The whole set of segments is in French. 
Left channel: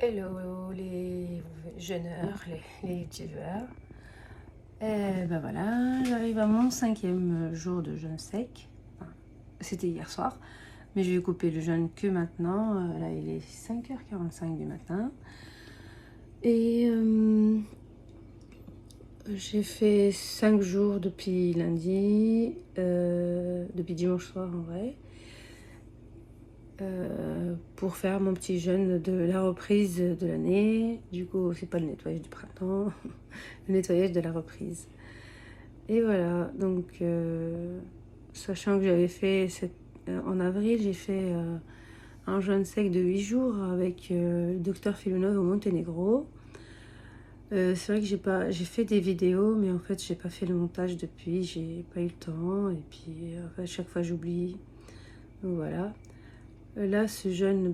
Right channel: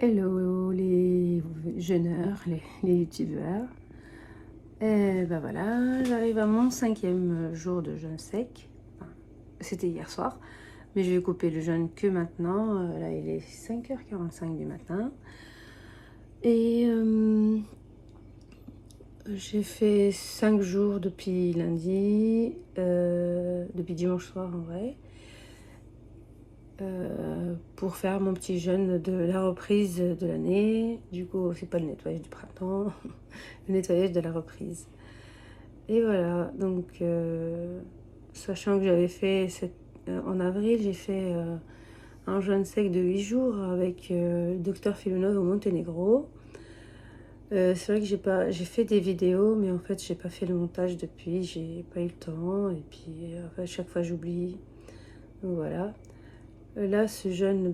Hello les jeûneurs, les youtubeurs. Et ben voilà, j'arrive à mon 5e jour de jeûne sec. Enfin, c'était hier soir, mais je vais couper le jeûne que maintenant. Là, il est 5h45 du matin. Et j'ai fait 5 jours depuis lundi, depuis dimanche soir en vrai. Pour faire mon petit jeûne de la reprise de l'année. Du coup, c'est pas le nettoyage du printemps, le nettoyage de la reprise. Et voilà, donc sachant que j'avais fait en avril, j'ai fait un jeûne sec de 8 jours avec le docteur Filonov au Monténégro. C'est vrai que j'ai fait des vidéos, mais en fait j'ai pas fait le montage depuis, j'ai pas eu le temps, et puis à chaque fois j'oublie. Donc voilà. Là, ce jeûne,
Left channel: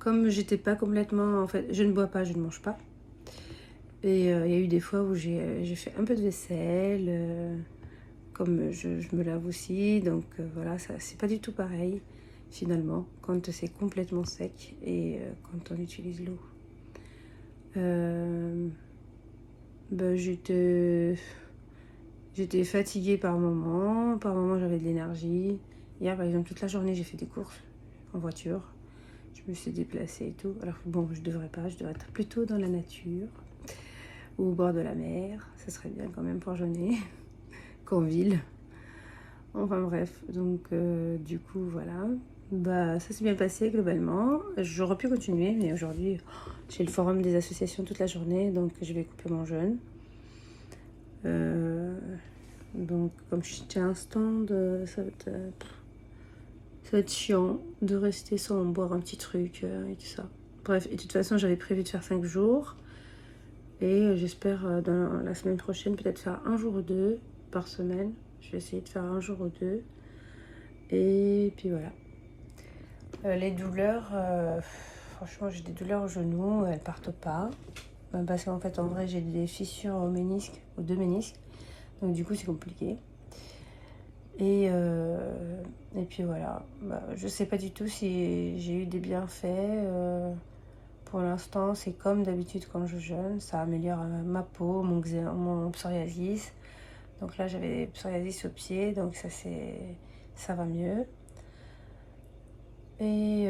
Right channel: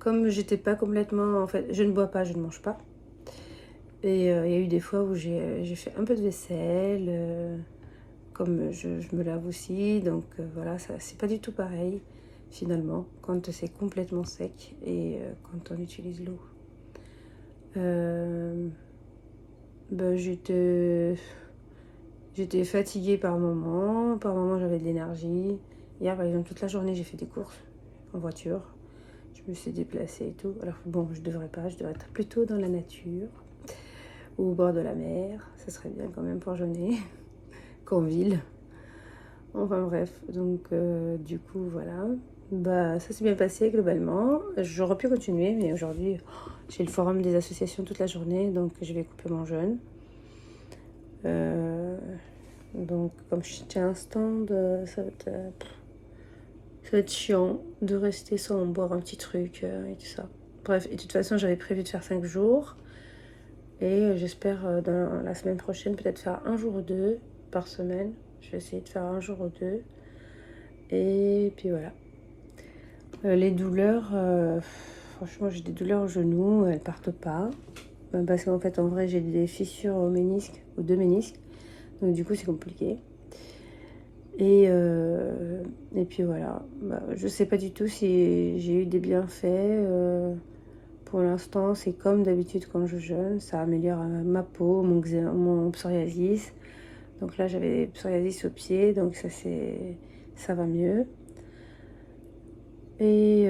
comme j'étais pas complètement... En fait, je ne bois pas, je ne mange pas. Et il y a eu des fois où j'ai fait un peu de vaisselle, comme je me lave aussi. Donc voilà, c'est pas du tout pareil, finalement, quand c'est complètement sec et quand on utilise l'eau. J'étais fatiguée par moments j'avais de l'énergie. Hier, par exemple, toute la journée, j'ai fait des courses en voiture. Je me suis déplacée et tout. Alors bon, je devrais être plutôt dans la nature ou au bord de la mer. Ça serait bien quand même pour jeûner qu'en ville. Enfin bref, donc du coup voilà. Ça s'est bien passé globalement. J'aurais pu continuer, mais aujourd'hui j'ai le forum des associations toute la journée, donc je vais couper mon jeûne. Donc comme je tiens un stand, ça va être chiant de rester sans boire un petit truc et tout ça. Bref, et de toute façon, j'avais prévu de faire 5 jours. Et j'espère dans la semaine prochaine, peut-être faire un jour ou deux par semaine. Je vais essayer de faire un jour ou deux. Et puis voilà. Les douleurs, franchement, j'ai des douleurs au genou, elles partent pas. Parce qu'en fait, en vrai, j'ai des fissures au ménisque, aux deux ménisques. Donc du coup, c'est compliqué. Et puis voilà, je sais pas du tout si j'ai eu des bienfaits. Pour l'instant, c'est comme d'habitude quand je jeûne, ça améliore ma peau, mon psoriasis. Donc là, j'avais psoriasis au pied, donc ça va mieux. Et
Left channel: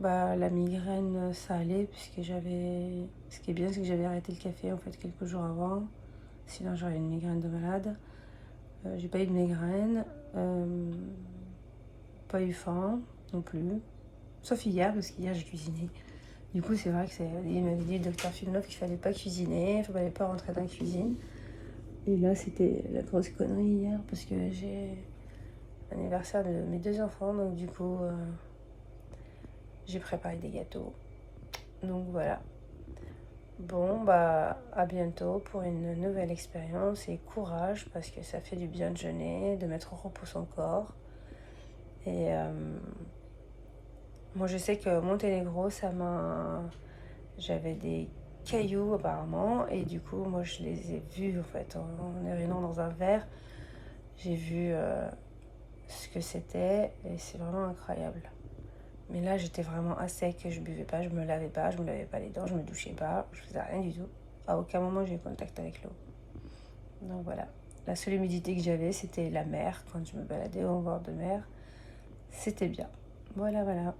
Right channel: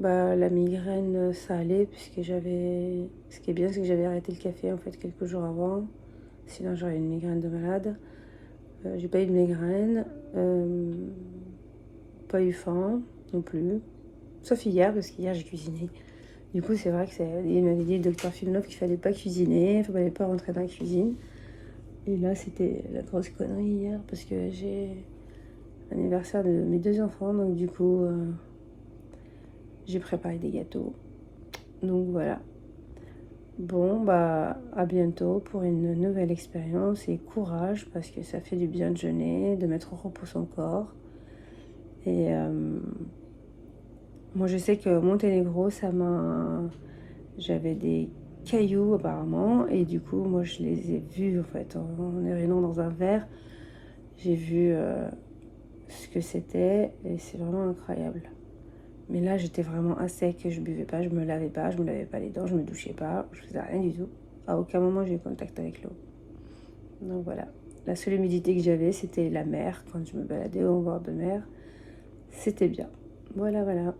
la migraine, ça allait, puisque ce qui est bien, c'est que j'avais arrêté le café en fait quelques jours avant. Sinon, j'aurais une migraine de malade. J'ai pas eu de migraine, pas eu faim non plus, sauf hier parce qu'hier j'ai cuisiné. Du coup c'est vrai que il m'avait dit le docteur Filonov qu'il fallait pas cuisiner, il fallait pas rentrer dans la cuisine. Et là c'était la grosse connerie hier parce que j'ai l'anniversaire de mes 2 enfants, donc du coup j'ai préparé des gâteaux. Donc voilà. Bon, à bientôt pour une nouvelle expérience et courage parce que ça fait du bien de jeûner, de mettre au repos son corps. Et moi, je sais que Monténégro, j'avais des cailloux apparemment et du coup, moi, je les ai vus en fait en urinant dans un verre. J'ai vu ce que c'était et c'est vraiment incroyable. Mais là, j'étais vraiment à sec, je buvais pas, je me lavais pas les dents, je me douchais pas, je faisais rien du tout. À aucun moment, j'ai eu contact avec l'eau. Donc voilà. La seule humidité que j'avais, c'était la mer. Quand je me baladais au bord de mer, c'était bien. Voilà, voilà.